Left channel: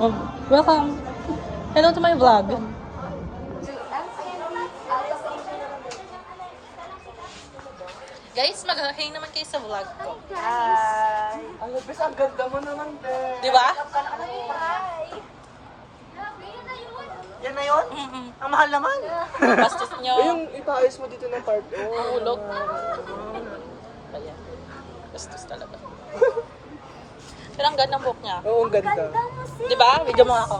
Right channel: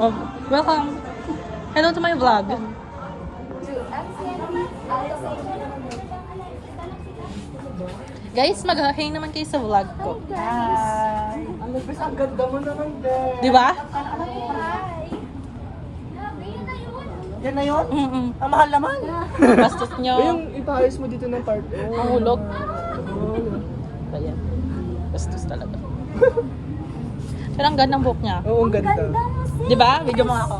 Oh, welcome. Hello to my vlog. Guys, mag-hang naman kayo sa vlog ko. Hi! Ang lupis, ang ganda mo naman, girl. Di ba? Yan na yun? Ang mahal naman. Bastos nyo. Yung ipaayos mo dito ng tarp. Mahulog. Ayan. Bastos talaga. Pero ang ganda ng buhok niya. Oo, ang ganda. Di ba? Video mo ako.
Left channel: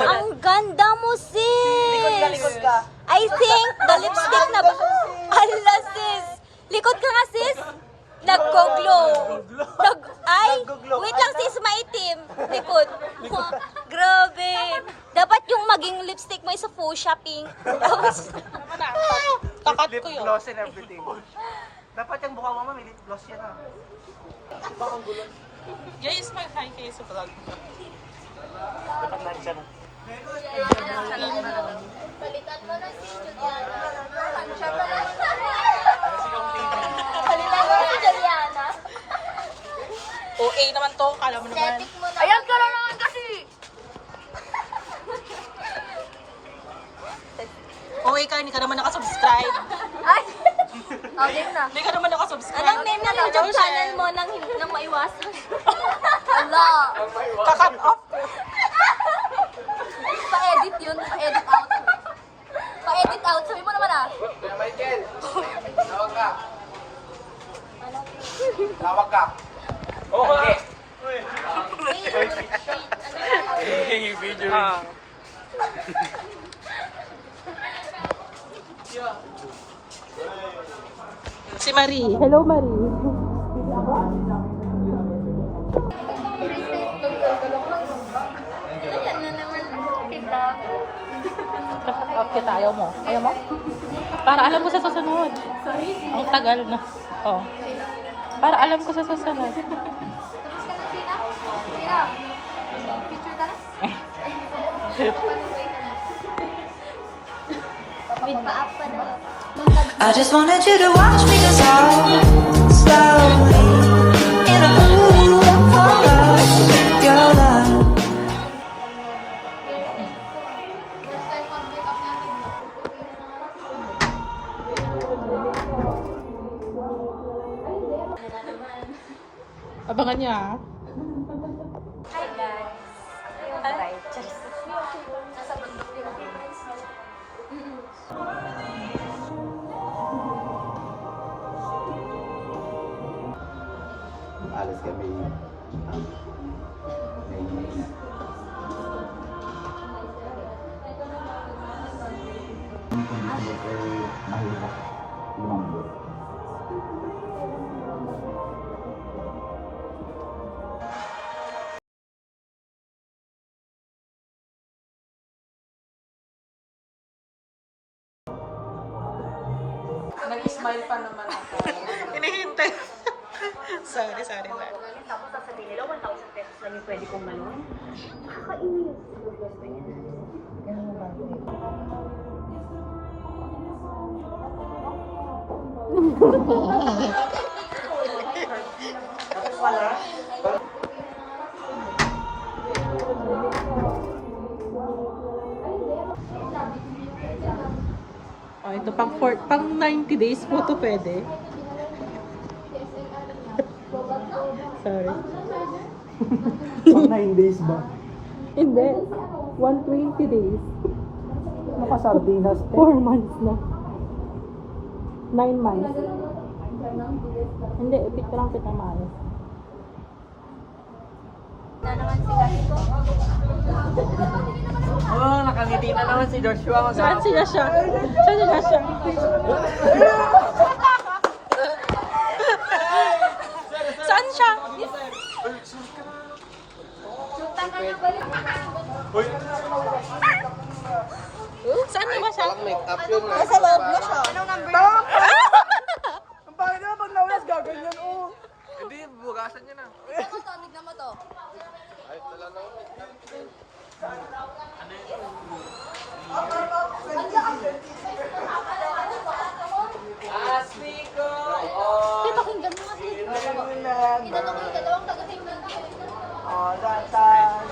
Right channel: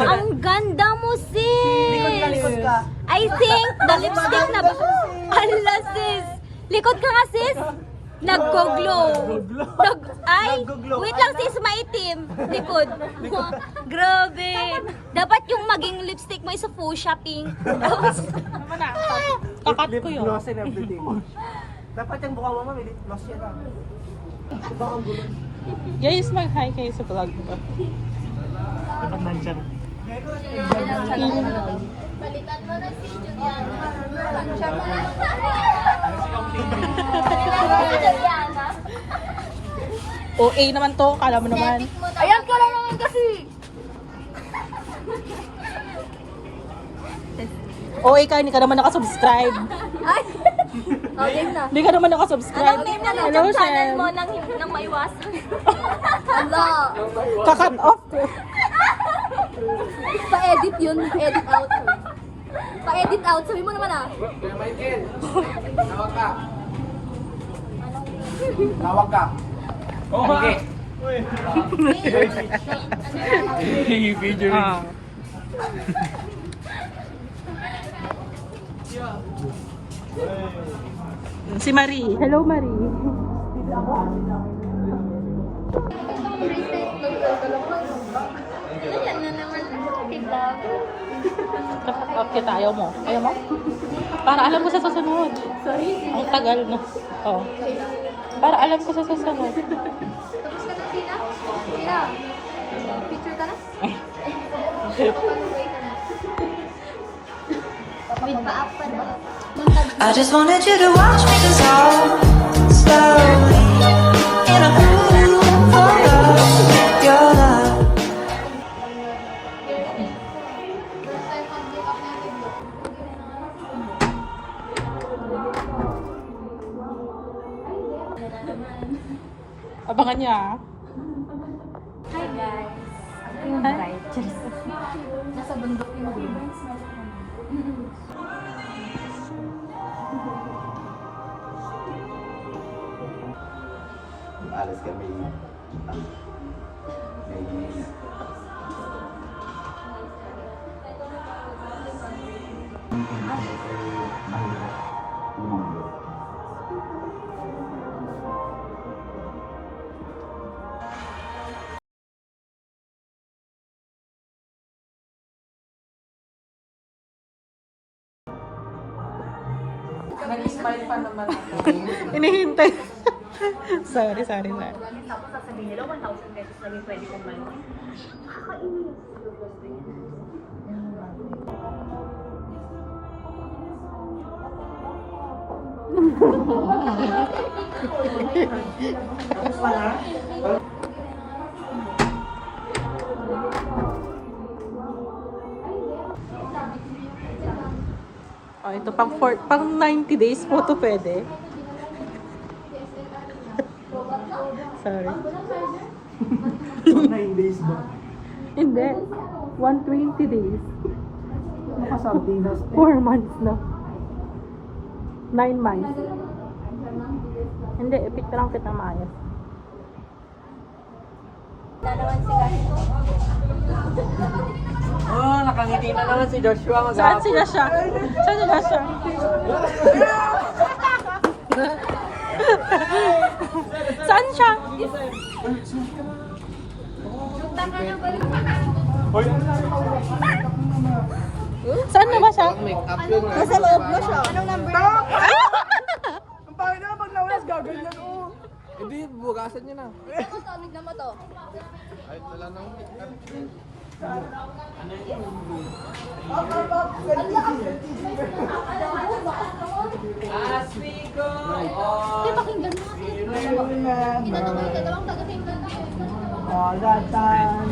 Ang ganda mo, sis! Likod ka. I think the lipstick na ba? Ala, sis! Likod ka nga, sis! Nagko-glow. Ay, wait lang, sis, maitim. Likod. Grabe. Dapat yung maging lipstick mo is a fuchsia pink. Tapos, Naman na. Takat Lip ko yun. gloss and everything. Dapat yung mukha mo, may lip gloss yan ah. Guys, mag-hi kayo sa vlog ko. OA naman to, kala mo naman. ayan ka lang naman kasi. OA ka, hindi ka naman nakasubscribe. Ay, okay na. Hindi ka naman nakasubscribe. Hello, Shem. nang maiwasan. Ala. Kakat off ko. Pa-edit yun, pa-edit out. Pa-edit out, sabi mo naman ah. Michael, tawag ka. Tawag ka. Okay. Video. Ah. Si Marie. Hello, Marie. Okay, ayaw mo. Ayaw mo? Para alam ko sa susunod. Ang tagal na. Oh. Para alam ko sa susunod. Tapos ka na, Tina? Tina, picture ka na? With pa-up ka na. I just wanted you to watch me dissolve slowly in a pool of your love. Abangan niya ah. Hi guys. Ako yung bride. Nasa bundok yung Alas kami Inihintay. sorry. Oh, ito pang 90 days po to pwede. Sorry. 9 days ba? Hindi. 120 days. Nakasardinas. 4 months na. 9 months. Hindi, ipicture lang kita maayos. na naman si Kasiko. Oh, nakangiti na naman si Joshua. Saan si Joshua? Saan si Joshua? Saan siya? Saan na ba siya? Nasa loob na siya. Anong number? Ang pangit na pag nawas, gagawin niya mo. Hindi, bugasan niya na. Tignan mo to. Hindi, pakinggan mo kasi. Tinanong ko yung dalawang gagawin lang. Oh, that time.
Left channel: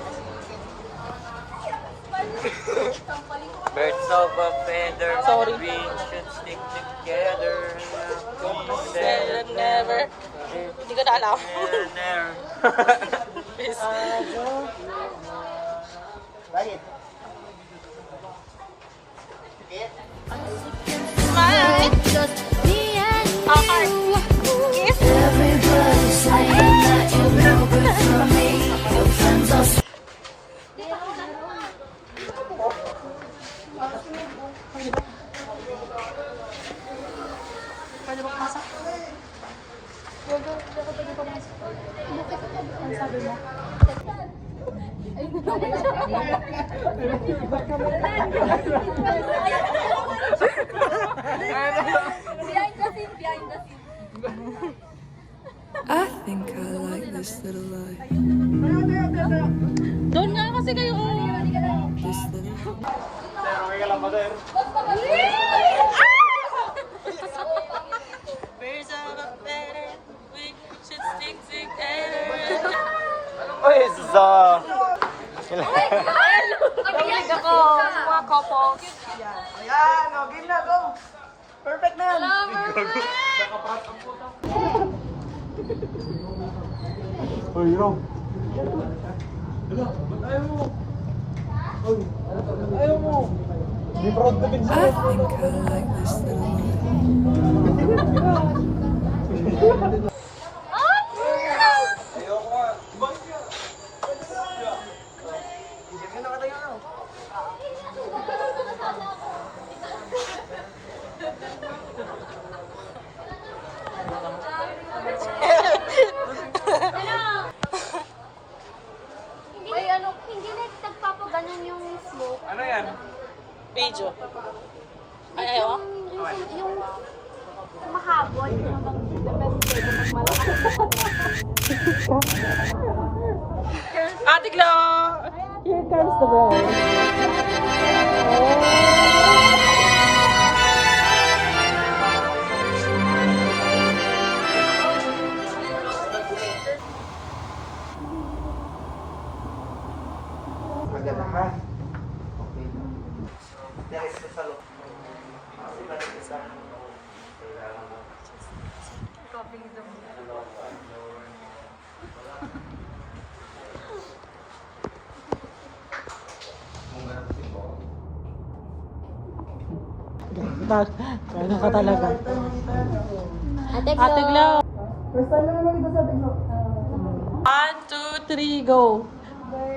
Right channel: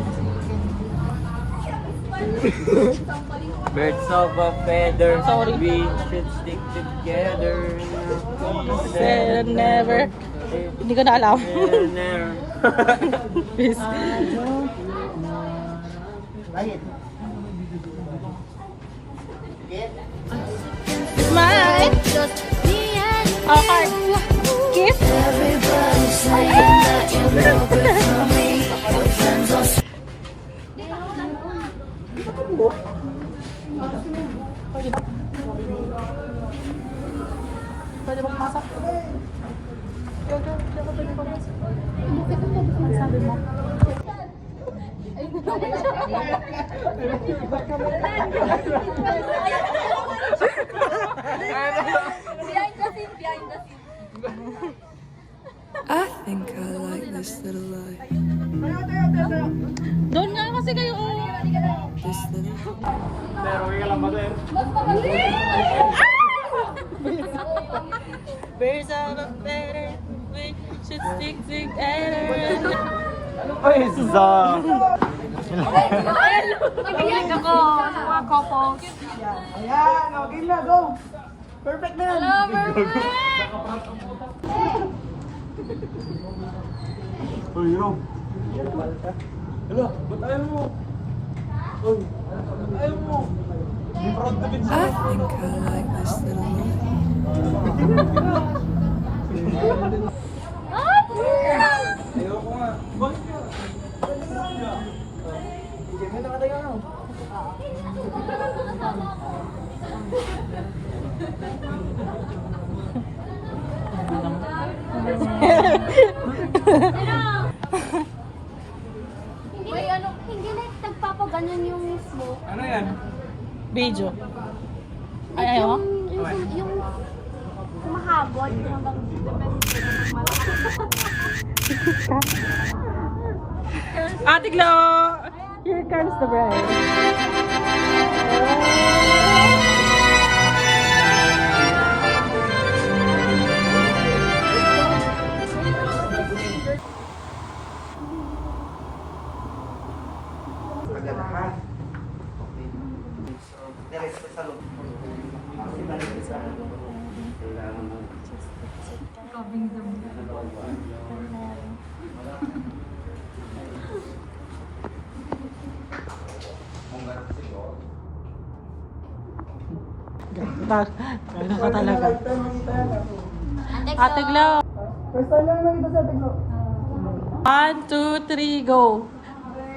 Birds of a feather, Sorry. we should stick together. Never. Hindi ko na alam. Never. Please. Smile. Just me and Our heart. Kiss. Everybody's saying that you're no good for me. Your friends are I think I like this little life. Doon nga kasi kayo. This little Birds of a feather, we should stick together. Ibinig ako, mga couples. Ayan, o, game na, go! Perfect na yan! Uy, yo! Hello, ayaw mo! Uy, ayaw mo! Di proud na din I think I like this little life. Ayaw ko nga. Game na nakatayo na. May ano, hindi na nagpapaganon yung mismo. Ano yan? Video. Ay, ayaw mo? Yung kumahabol. Ate Glo! Here comes the bride. Gano'n ka talaga. Ate Glo. First time na lang kita sa tigno. 1, 2, 3, go.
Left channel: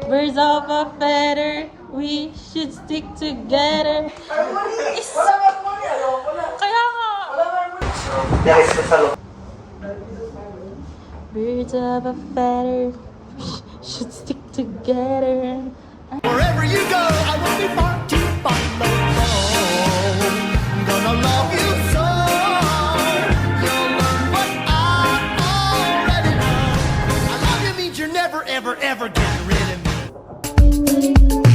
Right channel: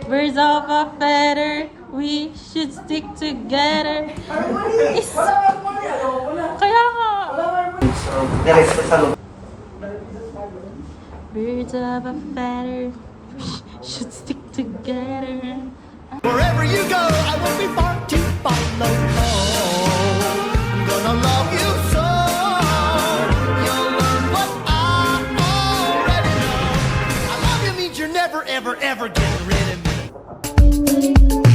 Birds of a feather, we should stick together. Is- Kaya nga. Birds of a feather, should stick together. Wherever you go, I will be far to follow. I'm gonna love you so. You'll learn what I already know. I love you means you're never, ever, ever getting rid of me.